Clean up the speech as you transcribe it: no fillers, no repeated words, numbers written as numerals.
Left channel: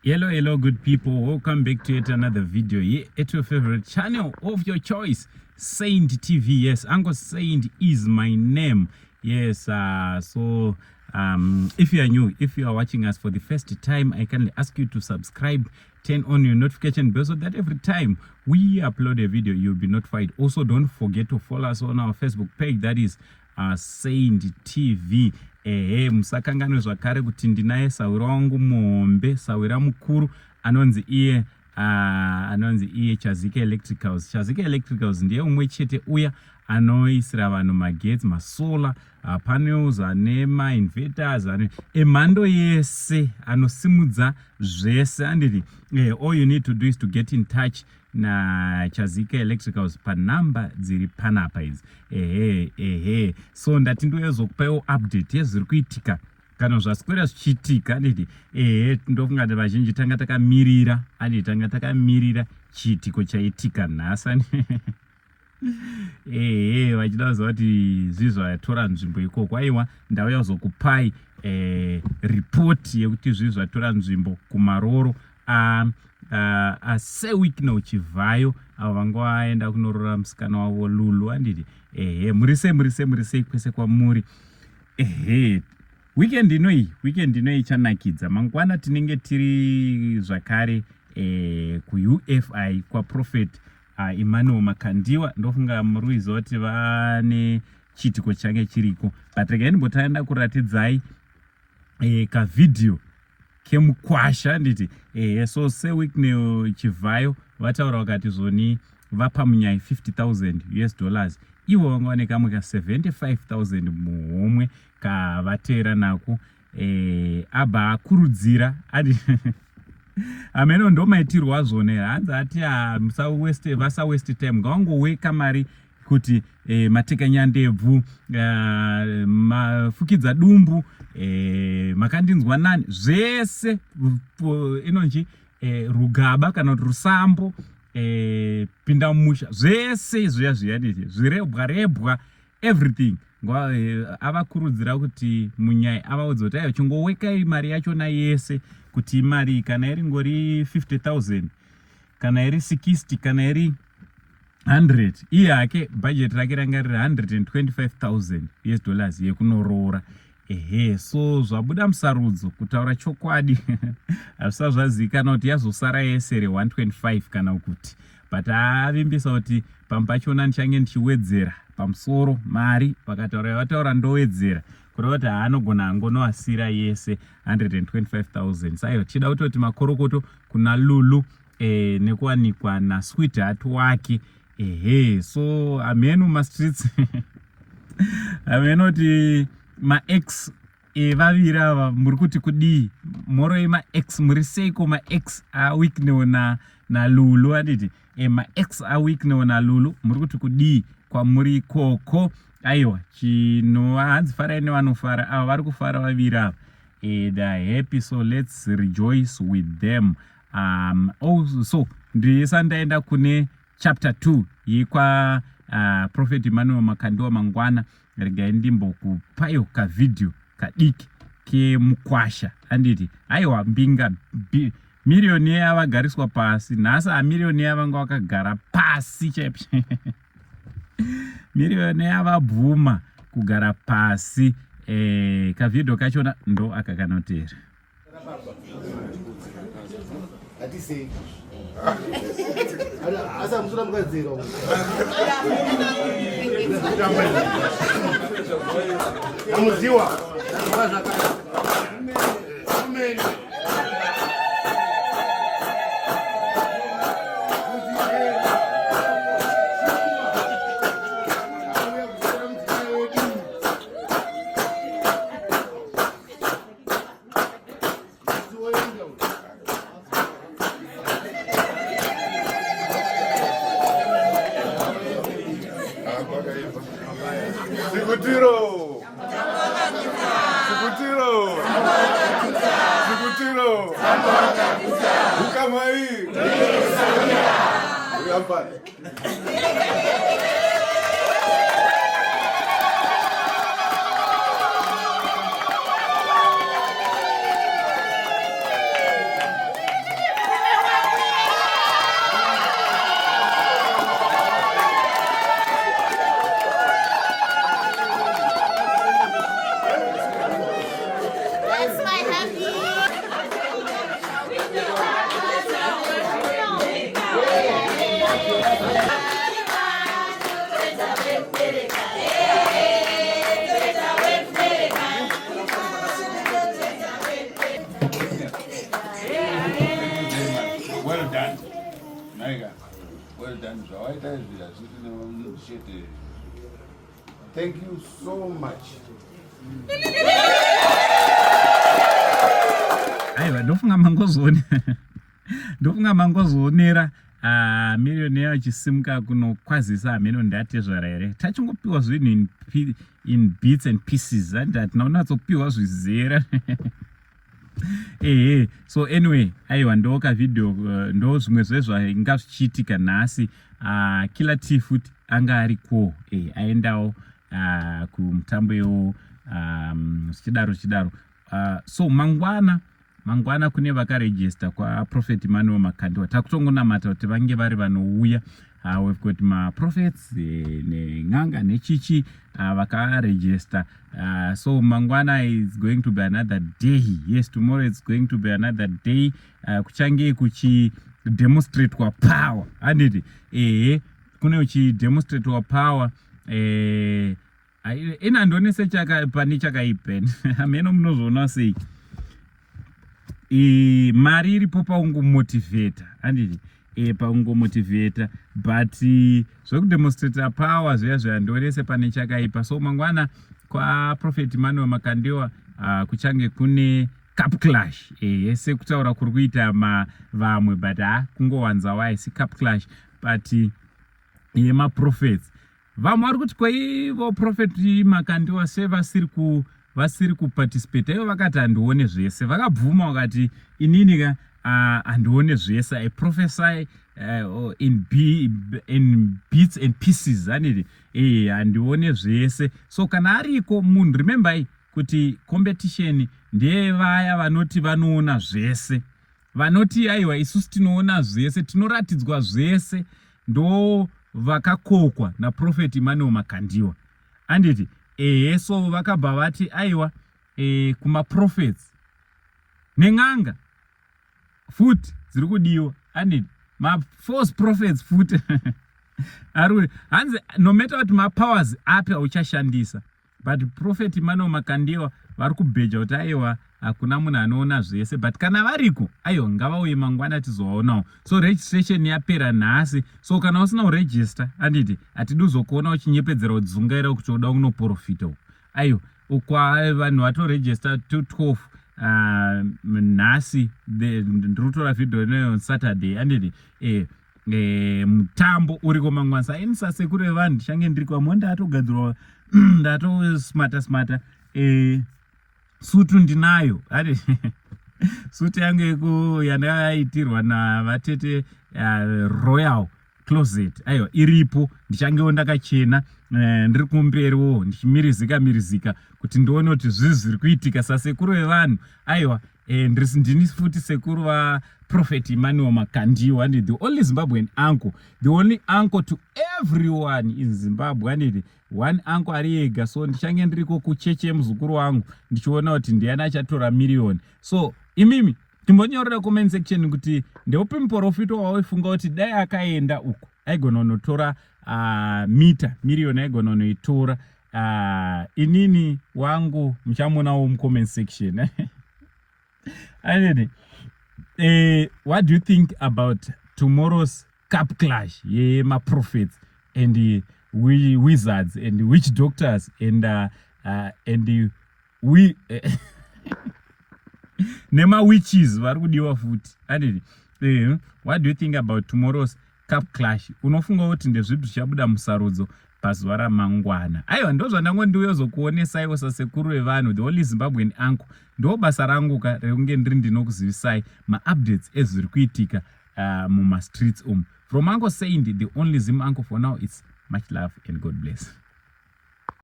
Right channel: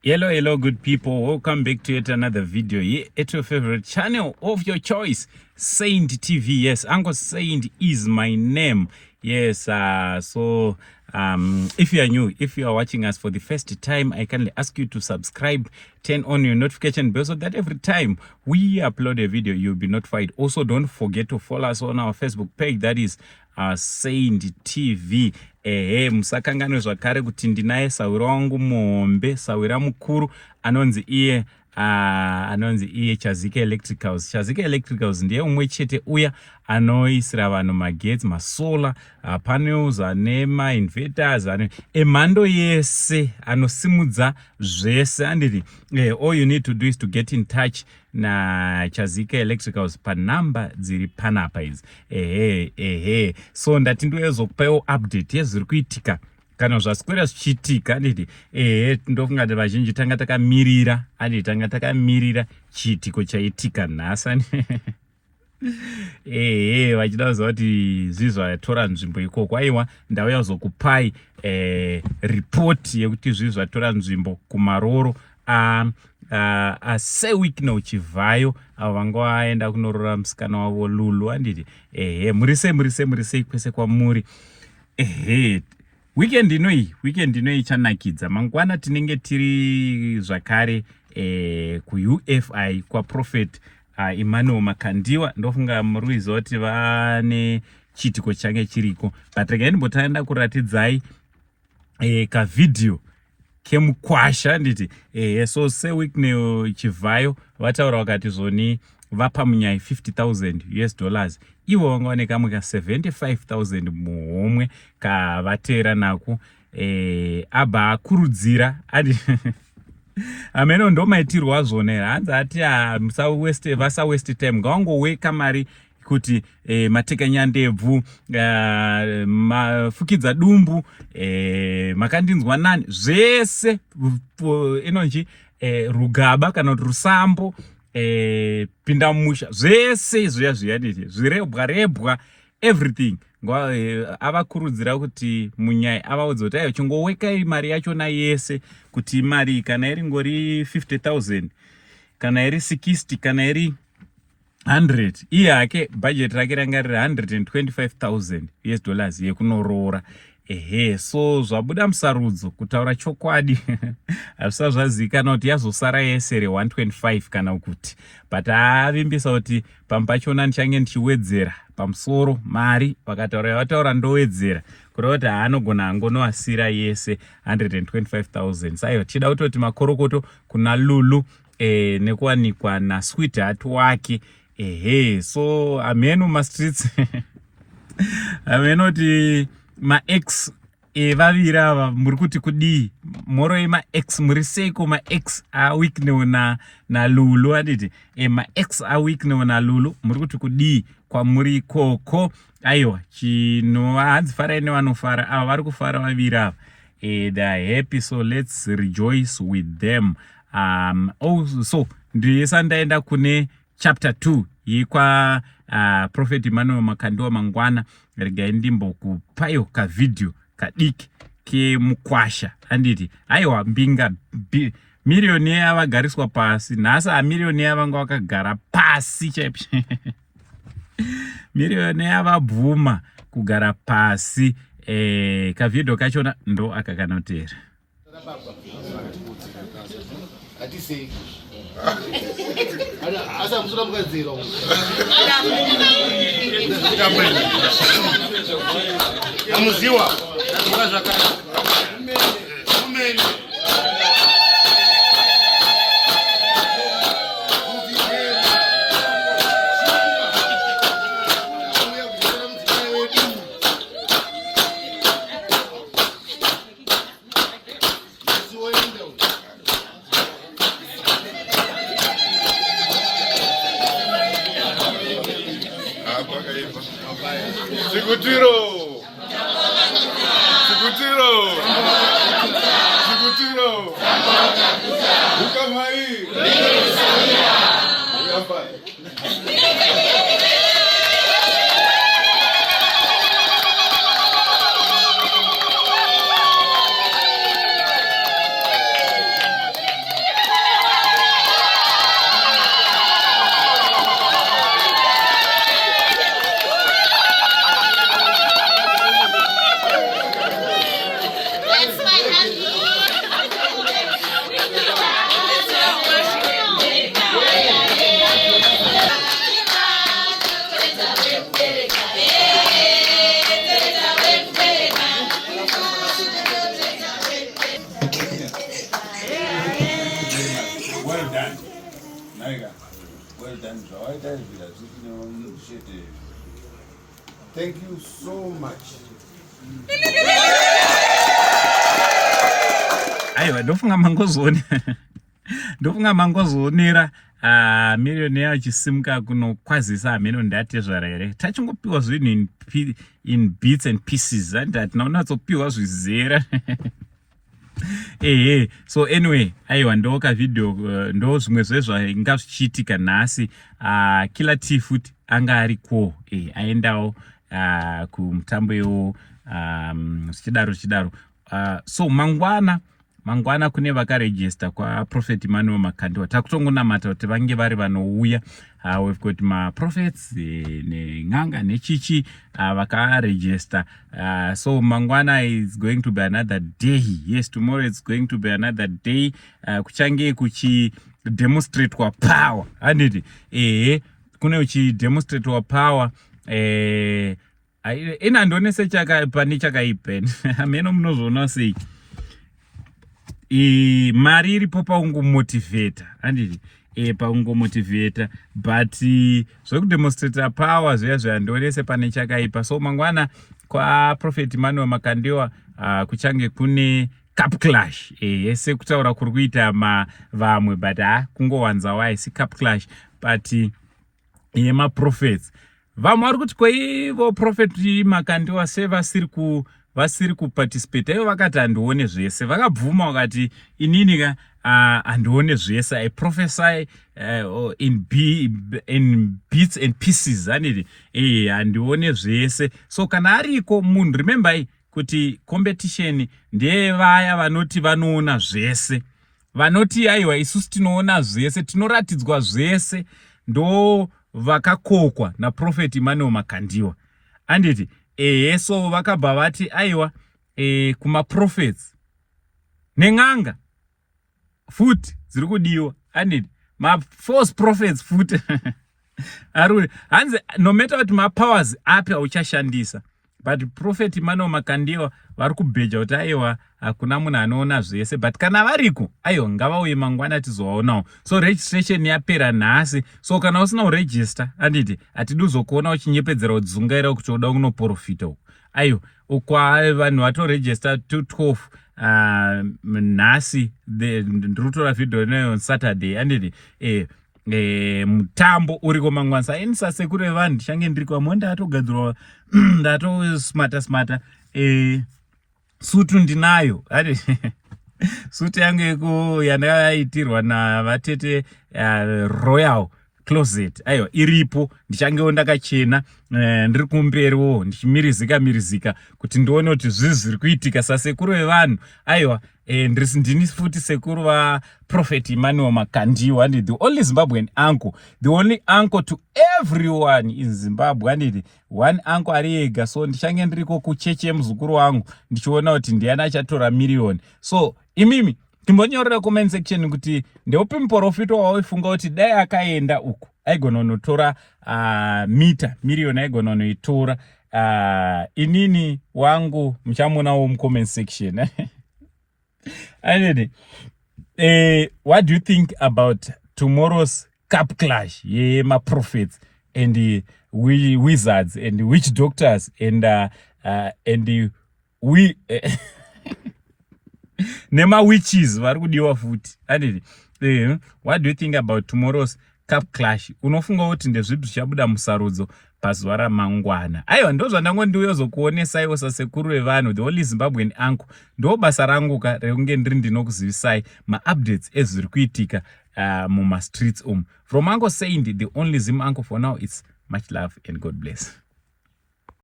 Hello, good people. Welcome back to yet another video here at your favorite channel of your choice, Saint TV. Yes, Uncle Saint is my name. Yes, if you are new, if you are watching us for the first time, I kindly ask you to subscribe, turn on your notification bell so that every time we upload a video, you'll be notified. Also, don't forget to follow us on our Facebook page, that is Saint TV. Musakangano zvakare kuti ndinaye sawira wangu muhombe, sawira mukuru anonzi iye Chazika Electricals. Chazika Electricals ndiye umwe chete uya anoisira vanhu magetsi, masolar panels, anema inverters, emhando yese anosimudza zvese. Anditi all you need to do is to get in touch na Chazika Electricals panhamba dziri panapa idzi. So ndati ndozokupawo update yezviri kuitika kana zvaswera zvichiitika. Anditi ndofunga kuti vazhinji tanga takamirira, anditi tanga takamirira chiitiko chaitika nhasi. Vachida kuziva kuti zvizvatora nzvimbo ikoko. Aiwa, ndauya kuzokupai report yekuti zvizvatora nzvimbo kumaroro seweek uchivhayo avo vanga vaenda kunorora musikana wavo Lulu. Anditi murisei kwese kwamuri. Weekend inoi chanakidza. Mangwana tinenge tiri zvakare kuUFI kwaProphet Emmanuel Makandiwa. Ndofunga muri kuziva kuti vane chiitiko change chiriko, but regai ndimbotaenda kuratidzai kavidhio kemukwasha. Anditi so seweek nechivhayo vataura vakati zvoni vapa munyai $50,000 ivo vanga vane kamwe ka$75,000 muhomwe kavatera nako. Abba akurudzira ameno ndo maitirwa zvona here. Hanzi ati vasa waste time, ngavangoweka mari kuti mateka nyandebvu, mafukidza dumbu, makandinzwa nani, zvese inonji rugaba kana kuti rusambo, pinda mumusha, zvese izvoya zviyaditi zvirebwa everything. Avakurudzira kuti munyai avaudza kuti aiwa chingowekai mari yachona yese, kuti mari kana iri ngori 50,000 kana iri 60 kana iri 100, iye hake budget rake ranga riri $125,000 yekunorora. So zvabuda musarudzo, kutaura chokwadi hazvisa zvazivikanwa kuti yazosara yese re125 kana kuti, but avimbisa kuti pamwe pachona ndichange ndichiwedzera pamusoro mari. Vakataura vataura ndowedzera kureva kuti haanogona angonoasira yese $125,000. Saiwa tichida kutoti makorokoto kuna Lulu nekuwanikwa nasweetheart wake. So ameno mastreets ameno kuti maex vaviri ava muri kuti kudii, moro yemaex muri seiko? Maex awiknewo na Lulu. Anditi maex awiknewo na Lulu muri kuti kudii kwamuri ikoko? Aiwa, chino hanzi farai nevanofara, ava vari kufara vaviri ava. They're happy, so let's rejoice with them. So ndiyesa ndaenda kune chapter 2 yikwa Prophet Emmanuel Makandiwa mangwana. Regai ndimbokupayo kavidhio kadiki kemukwasha. Anditi aiwa, mbinga miriyoni yavagariswa pasi nhasi. Miriyoni yavanga vakagara pasi chaipo miriyoni yavabvuma kugara pasi. Kavidhio kachona ndo akakanotera. Sikutiro. Ukamai. Well done. Naiga. Well done. Thank you so much. Aiwa, ndofunga mangozonera millionaire achisimuka kunokwazisa hameno ndatezvara here. Tachingopiwa zvinhu in bits and pieces, and hatina unatsopiwa zvizera. So anyway, aiwa ndo kavidhio ndo zvimwe zvezvainga zvichiitika nhasi. Killer T futi anga ariko aendawo kumutambo iwo zvichidaro. So mangwana kune vakarejista kwaProphet Emmanuel Makandiwa. Takutongonamata kuti vange vari vanouya. We've got maprophets neN'anga nechichi vakarejista. So mangwana is going to be another day. Yes, tomorrow it's going to be another day. Kuchange kuchi demonstrate kwa power. Handiti kune uchi demonstrate wa power. Ina ndonese pani chakaipen. Ameno mnozona sei. Mari iripo paungomotivata. Handiti paungomotivata, but zvekudemonstrate power zviya ndonese pane chakaipa. So mangwana kwaProphet Emmanuel Makandiwa kuchange kune cup clash. Yese kutaura kuri kuita vamwe, but kungowanzawo aisi cup clash, but yemaprophets. Vamwe vari kuti kwaivo Prophet Makandiwa vasiri kuparticipate. Ivo vakati handione zvese, vakabvuma vakati inini handione zvese. I prophesy in bits and pieces. Handiti handione zvese. So kana ariko munhu, remember kuti competition ndevaya vanoti vanoona zvese, vanoti aiwa isusu tinoona zvese, tinoratidzwa zvese, ndo vakakokwa naProphet Emmanuel Makandiwa. Handiti so vakabva vati aiwa kumaprophets neN'anga futi dziri kudiwa. Handiti false prophets futi aruri hanzi no matter kuti mapowers api auchashandisa, but Prophet Emmanuel Makandiwa vari kubheja kuti aiwa hakuna munhu anoona zvese, but kana variko aiwa ngavauye mangwana tizovaonawo. So registration yapera nhasi. So kana usina kuregister, handiti hatidi uzokuona uchinyepedzera kudzungaira kuti uda kunoprofita uko. Aiwa ukwa vanhu vatoregister 212 nhasi ndiri kutora vhidhio nayo on Saturday. Handiti mutambo uriko mangwana. Saenisa sekuru vevanhu ndichange ndiri kwamo ndatogadzirwa ndatosmata sutu ndinayo. Sutu yangu yeko yandakaitirwa navatete Royal Closet aiwa iripo, ndichangewo ndakachena ndiri kumberiwo ndichimirizika kuti ndione kuti zvii zviri kuitika. Sasekuru vevanhu aiwa ndini futi sekuru vaProphet Emmanuel Makandiwa. And the only Zimbabwean uncle, the only uncle to everyone in Zimbabwe. And one uncle ari ega. So ndichange ndiriko kucheche muzukuru wangu ndichiona kuti ndiani achatora million. So imimi timbonyorera comment section kuti ndeupi muprofita wawaifunga kuti dai akaenda uko aigona kunotora million aigona kunoitora. Inini wangu muchamuonawo mucomment section. What do you think about tomorrow's cup clash? My prophets and wizards and witch doctors and we nema witches vari kudiwa futi. What do you think about tomorrow's cup clash? Unofunga kuti ndezvipi zvichabuda musarudzo pazuva ramangwana? Aiwa ndo zvandangondiuya zokuonesaiwo sasekuru vevanhu, the only Zimbabwean uncle. Ndo basa rangu rekunge ndiri ndinokuzivisai maupdates ezviri kuitika mumastreets From Uncle Saint, the only Zim uncle for now, it's much love and God bless.